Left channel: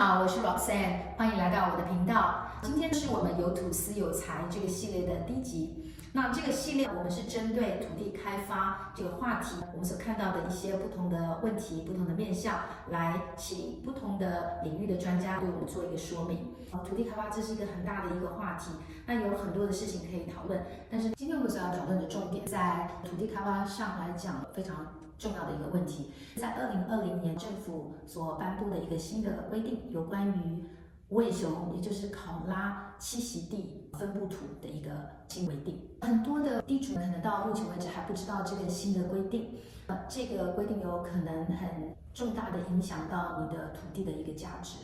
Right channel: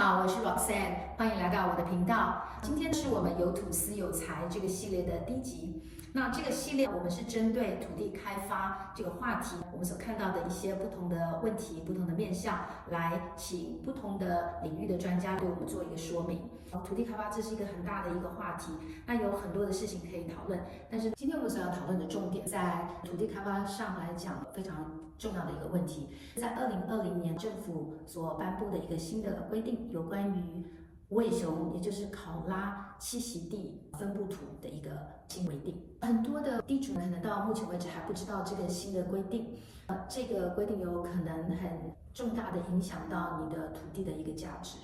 好，我是 Roxanne，欢迎来到我的频道。今天是我们有土司有财这个系列的第一集。那这个系列我们是针对土地开发这个话题，我们所看到的一些不同的问题、不同的面向，来请不同的领域的专家对我们做一个说明。土地开发这是一个很大的一个话题，那有很多的事情可以讨论。但是今天我们所要讨论的重点，在土地开发上来讲非常重要的一个问题，在2020年政府所颁布的一个新的规定，有关于无尾熊，也就是考拉栖息地分布图的一个新规定。很多的地主可能到目前为止还不知道这个新的规定，这个规定有可能很重大的影响到你的土地的一个价值。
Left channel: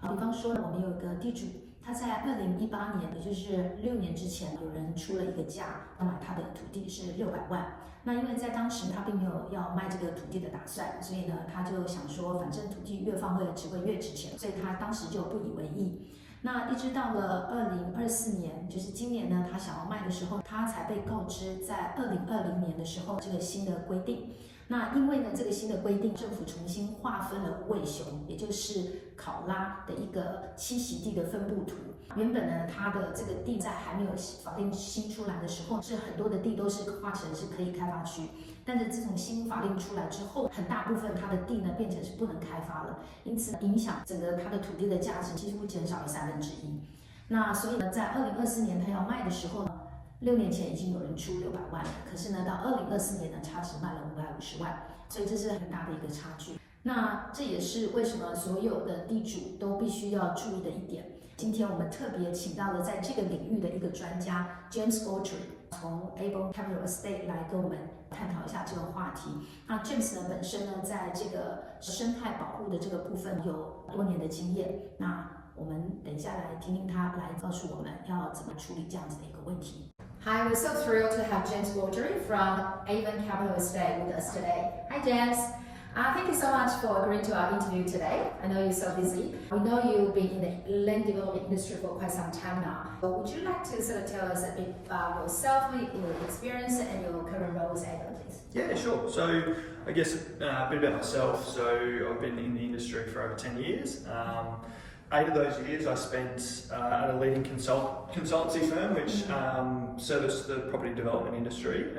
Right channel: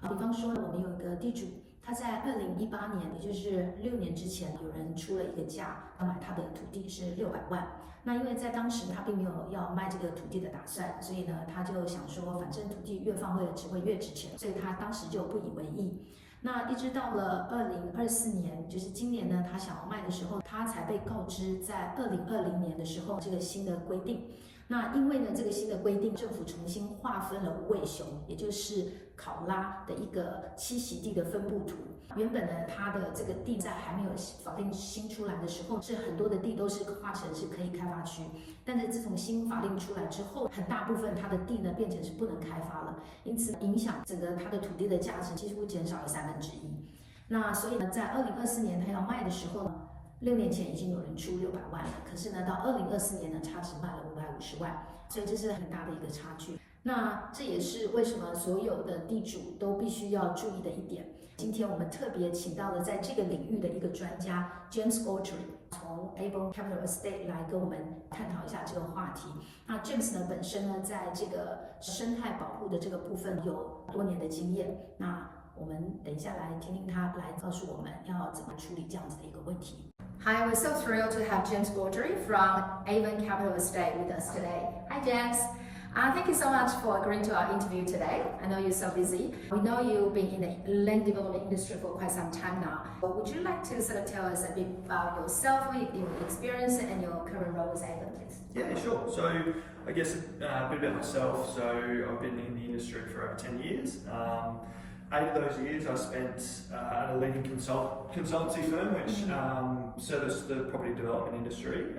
比方说，我们有一个地主，他在2018年，也就是6年之前，有人出了一个价，他买他的土地是600万。那因为在当时他并没有要卖这个土地的打算，所以呢，他就想说，反正土地越放会只会越值钱，所以他当时就不以为意。那一直到了2024年，就是今年呢，他想要卖的时候，他才被告知，在2020年的时候，这个新的规定。那因为呢，这个新的规定，政府重新划分了无尾熊，也就是考拉的一个栖息地的分布图。原本呢，它的这个地在还没有法令新出来的时候，是很多的地都是划成是可以开发区。但是自从新法令出来之后，很大部分它的地呢变成是不能开发了，因此影响整个它的土地的价值几乎减少了1/3。那所以呢，在2024年它要卖的时候呢，6年前已经有人出600万了，可是呢，到2024年呢，它只卖了550万，所以这是很大的一个差距。那这也是为什么所有的地主都必须要注意的一点。今天我们特别请到了在这个领域的一个专家 James Autry， 从 Avon Capital Estate 来跟我们探讨一下这个话题。那 James 呢本身呢在这个生态保护的这个部分有多年的经验。那我们等一下来听听他来告诉我们要怎么处理这样子的一个问题。Hi, we're so thrilled to have James Autry from Avon Capital Estate with us today. Hi, James. Thank you so much for agreeing to our interview today. I know you're so busy. We know you've been in the land development industry for quite some time now. But would you like to sort of tell us a bit about yourself, your experience, and your current role as Avon, please? Yeah, sure. So I guess a bit about myself. So I've been in the industry for over 10 years. 8 of those years I spent at a leading consultancy firm which serviced the property development industry.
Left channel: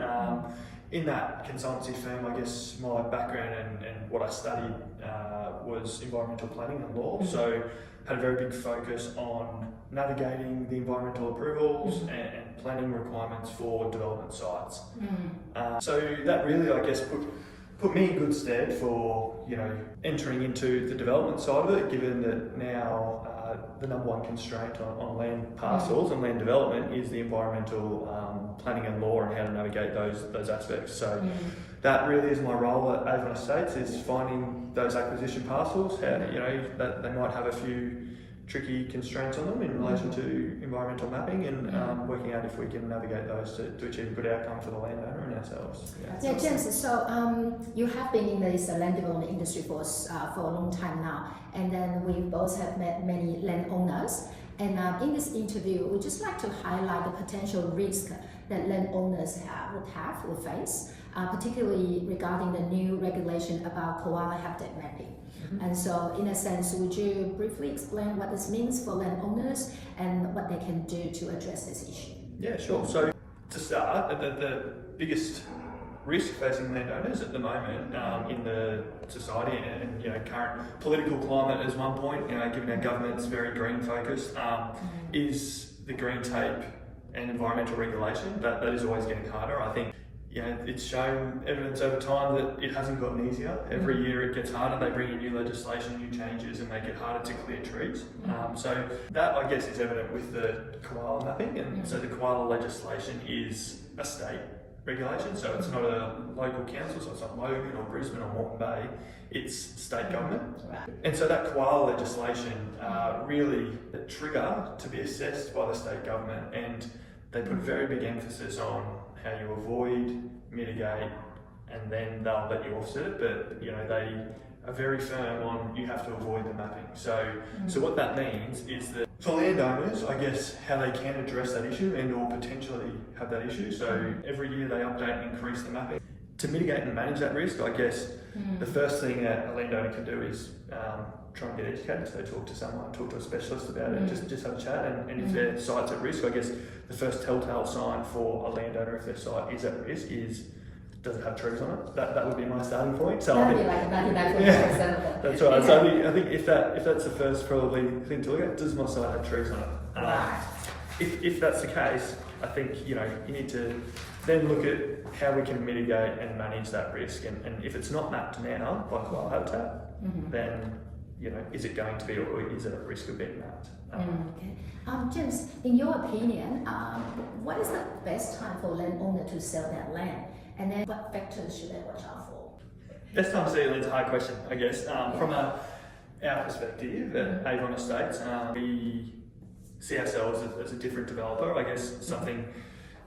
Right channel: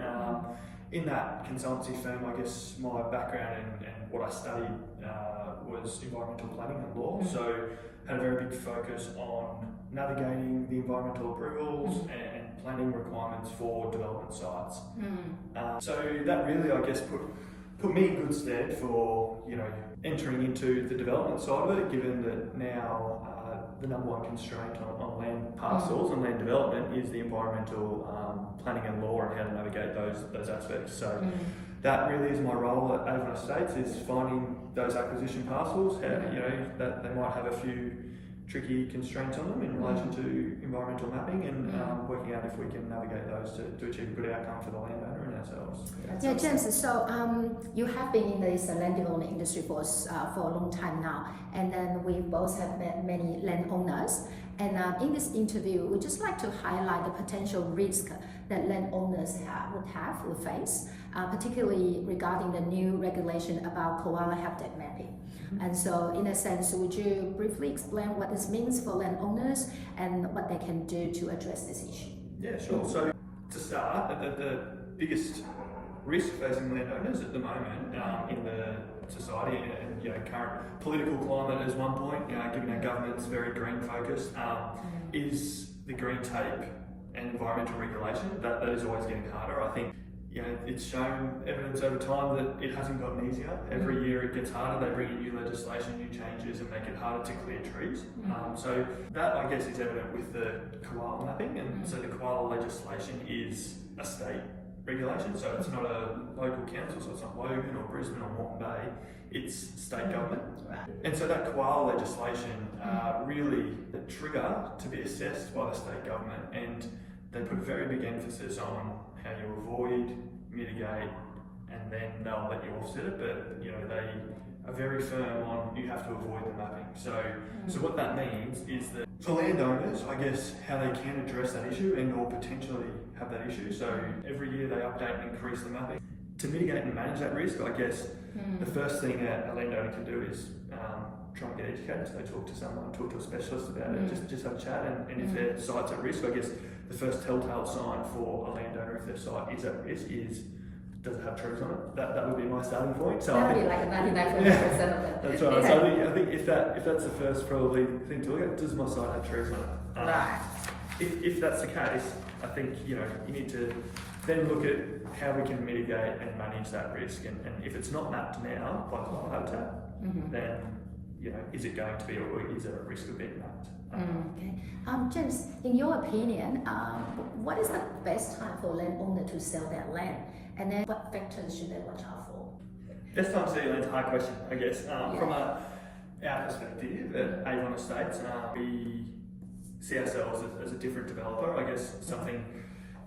In that consultancy firm, I guess my background and what I studied was environmental planning and law. So had a very big focus on navigating the environmental approvals and planning requirements for development sites. So that really, I guess, put me in good stead for entering into the development side of it, given that now the number one constraint on land parcels and land development is the environmental planning and law and how to navigate those aspects. So that really is my role at Avon Estates, is finding those acquisition parcels, that they might have a few tricky constraints on them in relation to environmental mapping, and working out if we can navigate those to achieve a good outcome for the landowner and ourselves. Yeah, James, so you have been in this land development industry for a long time now, and then we both have met many landowners. And in this interview, we'd just like to highlight the potential risk that landowners would face, particularly regarding the new regulation about koala habitat mapping. And so, in a sense, would you briefly explain what this means for landowners and what they can do to address this issue? Yeah, sure. So, to start, the biggest risk facing landowners at the moment in the society and current political climate as one point, given our government's very green focused, is the green tape and environmental regulation. That is always getting harder. I think it's shown evidence over time that it hasn't gotten easier. Every year it gets harder. They bring in new legislation, new changes, and make it harder to clear trees. So that, I guess, is evident with the koala mapping. And so the koala legislation is a state regulation, so it's not a local council, so it's not Logan or Brisbane or Moreton Bay, it's state government. And so that koala legislation really the trigger to be assessed by the state government, and they put very big emphasis on how you avoid, mitigate, and then they'll let you offset it, but they are very firm on you have to avoid the mapping. So what that means is that for landowners, I guess, how they can address that issue and or potentially have that issue. So every year they update and increase the mapping. To mitigate and manage that risk, I guess the first thing that a landowner can do is try and get educated. So talk to someone, talk to a specialist about it, just have a chat. And if their site's at risk, I guess the first telltale sign for a landowner if their site is at risk is, does it have trees on it? That would be my starting point. So that would be like a 99% of it. That's right. Yeah. So I think if that's the first probably thing to look at, does my site have trees on it? Right. If that's the case, I think you need to then look at how we can mitigate and manage that risk. And if it's not mapped now by koala habitat, then is it going to be, or is it at risk of being mapped? Okay. James, in your opinion, what is the best time for a landowner to sell their land? And then what factors should they watch out for? Best time to sell land's a hard question, I guess. From our perspective at Avon Estates, we see ourselves as a different developer. I guess something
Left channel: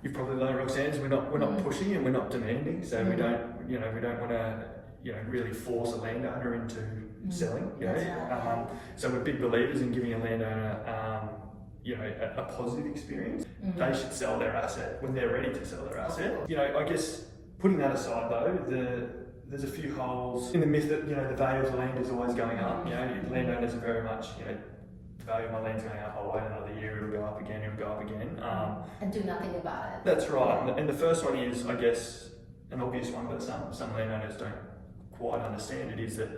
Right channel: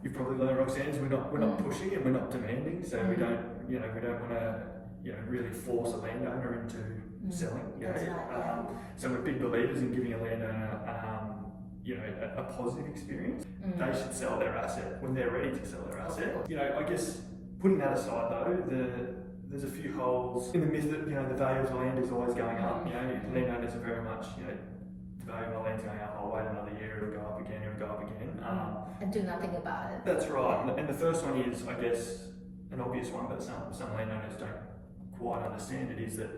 you've probably learned, Roxanne, is we're not pushing and we're not demanding. So we don't want to really force a landowner into selling. So we're big believers in giving a landowner a positive experience. They should sell their asset when they're ready to sell their asset. I guess putting that aside though, there's a few holes in the myth that the value of the land is always going up. Landowners are very much the value of my land's going up. I'll wait another year, it'll go up again, and do nothing about it. That's right. And the first one is, I guess, an obvious one, but some landowners don't quite understand it, is that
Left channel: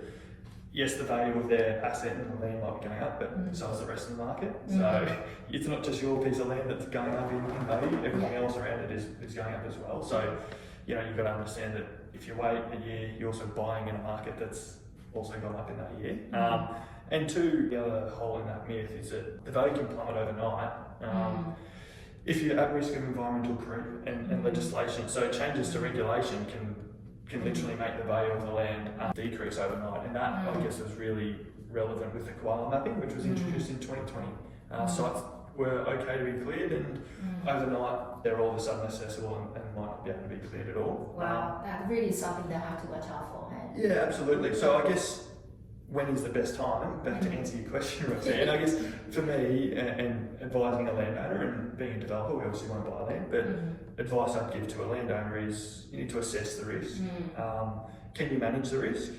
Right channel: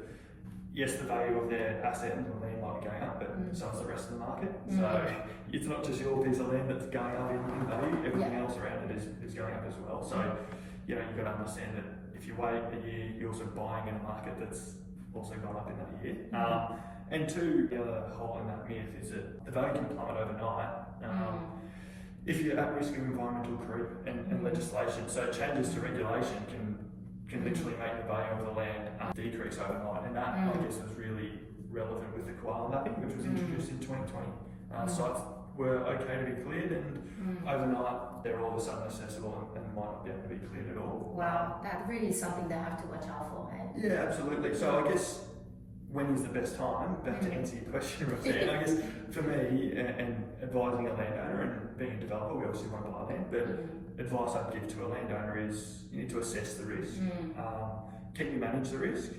yes, the value of their asset and the land might be going up, but so is the rest of the market. So it's not just your piece of land that's going up in value, everything else around it is going up as well. So you've got to understand that if you wait a year, you're also buying in a market that's also gone up in that year. And two, the other hole in that myth is that the value can plummet overnight. If you're at risk of environmental creep and legislation, so changes to regulation can literally make the value of the land decrease overnight, and that I guess was really relevant with the koala mapping, which was introduced in 2020. Sites were okay to be cleared, and overnight they're all of a sudden accessible and might not be able to be cleared at all. Wow, that really is something they have to watch out for, man. Yeah, absolutely. So I guess when is the best time? Back to answer your question, Roxanne. I guess for me, and advising a landowner and being a developer, we obviously want to buy land, but advice I'd give to a landowner is you need to assess the risk. Can you manage the risk?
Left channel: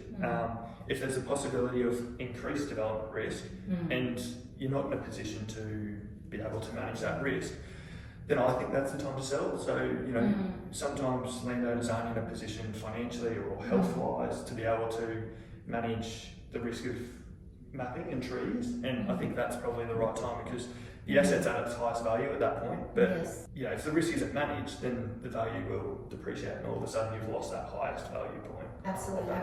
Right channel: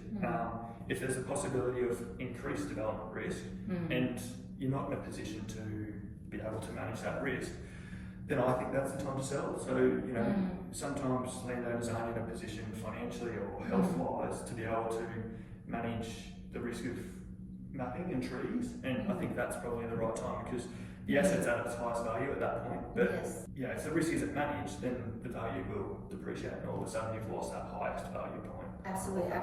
If there's a possibility of increased development risk and you're not in a position to be able to manage that risk, then I think that's the time to sell. So, sometimes landowners aren't in a position financially or health-wise to be able to manage the risk of mapping and trees, and I think that's probably the right time because the asset's at its highest value at that point. But if the risk isn't managed, then the value will depreciate, and all of a sudden you've lost that highest value point. Absolutely.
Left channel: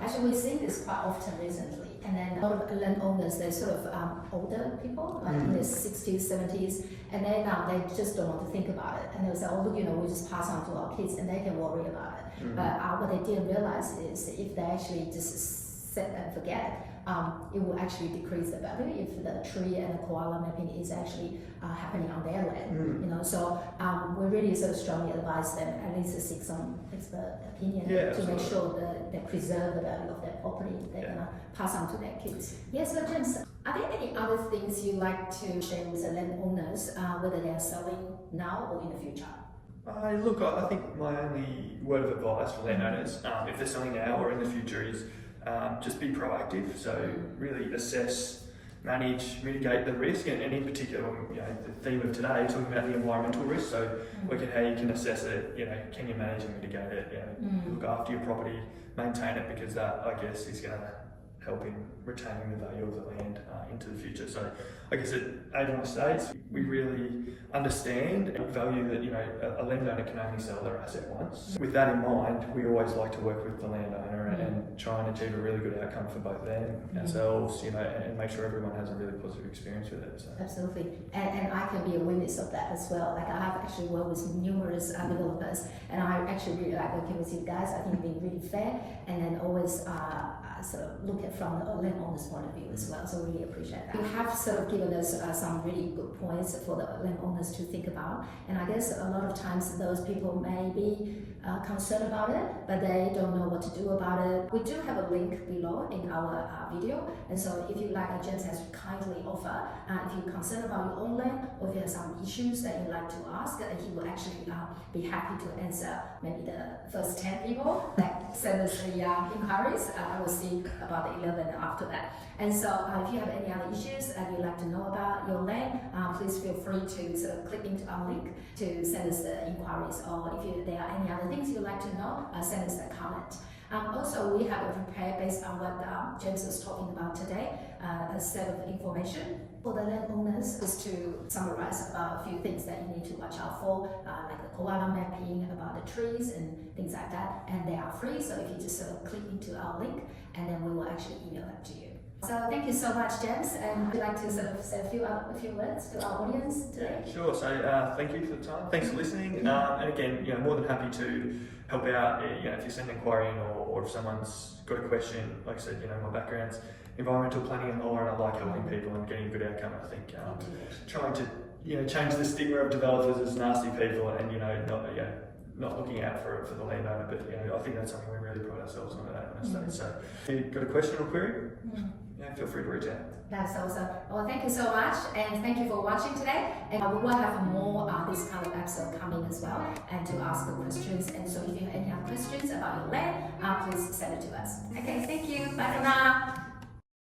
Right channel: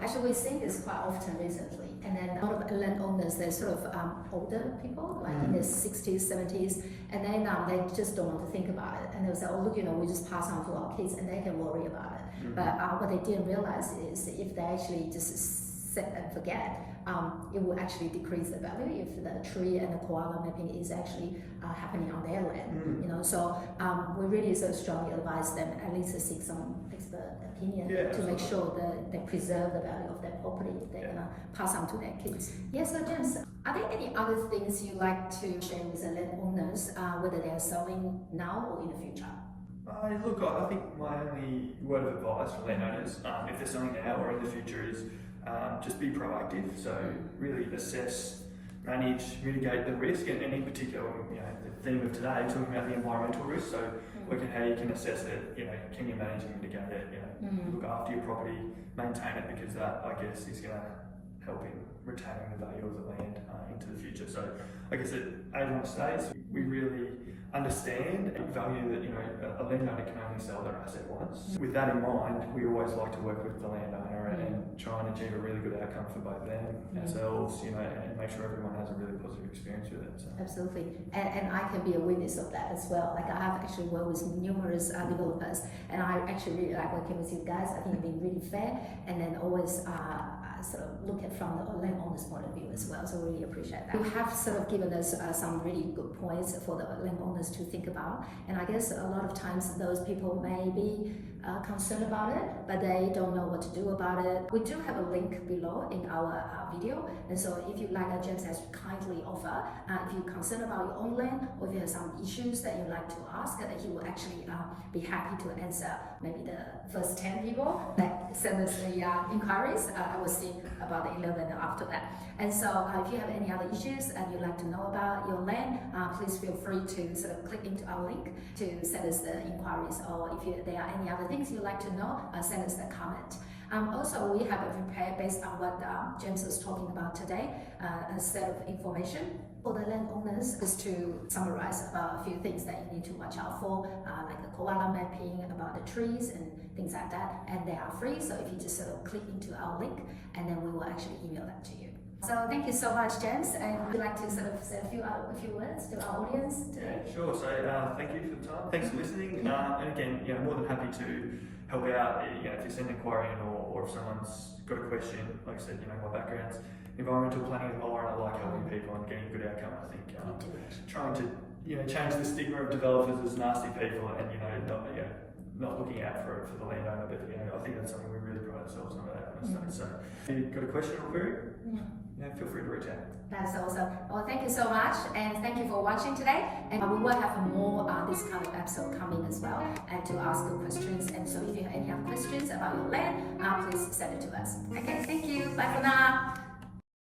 Actually, we've seen this quite often recently, and then a lot of landowners, they're sort of older people, like in their 60s, 70s, and then they just don't want to think about it, and they'll say, oh look, we just pass on to our kids, and they can worry about it. But what they didn't realize is if they actually just set and forget, it will actually decrease the value if the tree and the koala mapping is actually happening on their land. So we really sort of strongly advise them at least to seek some expert opinion to make sure that they preserve the value of their property they're gonna pass on to their kids. Yes, so James, are there any other things you like to share with the landowners, whether they are selling now or in the future? Look, I think my only word of advice for landowners, if they're selling now or in the future, is just be proactive. So really assess, manage, mitigate the risk, and in particular, the theme of today, talking about the environmental risk. So look at how you can assess it. Can you manage and mitigate it? Look after your property, maintain it, because that, I guess, is going to help in retaining the value of the land into the future. So I guess at Avon Estates, we really understand and value that a landowner can only sell their asset once. With that in mind, we always like to work with the landowner and try and achieve a really good outcome for both them, ourselves, and make sure everyone has a really positive experience with it. So. Absolutely, and I can be a witness of that as well. Like I have actually worked with numerous developers, and I actually really like working with you guys. I think you've been really fair, and then always sort of look at from the landowner's point of view as well. So we really appreciate that. You have sort of given us some really good points for the landowners to think about, and I guess a lot of times those people may be concerned about it, but they don't know what to do about it. We do have a link below in our video, and so if you like, James has kindly offer, if you're concerned about your own land, or if you have some issues that you like to ask, he will actually be happy to answer maybe the first 10 people that send us the inquiries. I will see see about the 11 after that. And so if you have any other issues and you'd like to know about your land, please feel free to sort of click into our link to send us the inquiries, or if there are any other things you'd like to know, send us a comment. Also, we have prepared, based on what James was talking about today, a set of information for the landowners, is to summarize a few things that you need to watch out for, like the koala mapping, about the trees and things like that. And they are free, so if you just sort of click into our link, and then we will actually email that to you. So thank you so much, James, and would you like to sort of say a few words to our audience today? Yeah, sure. So thank you for the time. Thanks for listening. And again, more than happy to help out. If you send an inquiry in, or if someone's got a question, like I said, my background's environmental planning and law, and I like helping people and getting a good outcome. I think trying to change the stigma of developers as nasty people, and not looking out for the landowner. But I think that's something we really pride ourselves on at that kind of stuff. So if you've got a question or query, feel free to reach out. That's awesome. Well, thank you so much, and thank you for watching today. And we will have more this kind of episode coming as well, and to ask good questions. And so if you have any other questions about your land, please send it to us. Okay, thank you. Bye for now.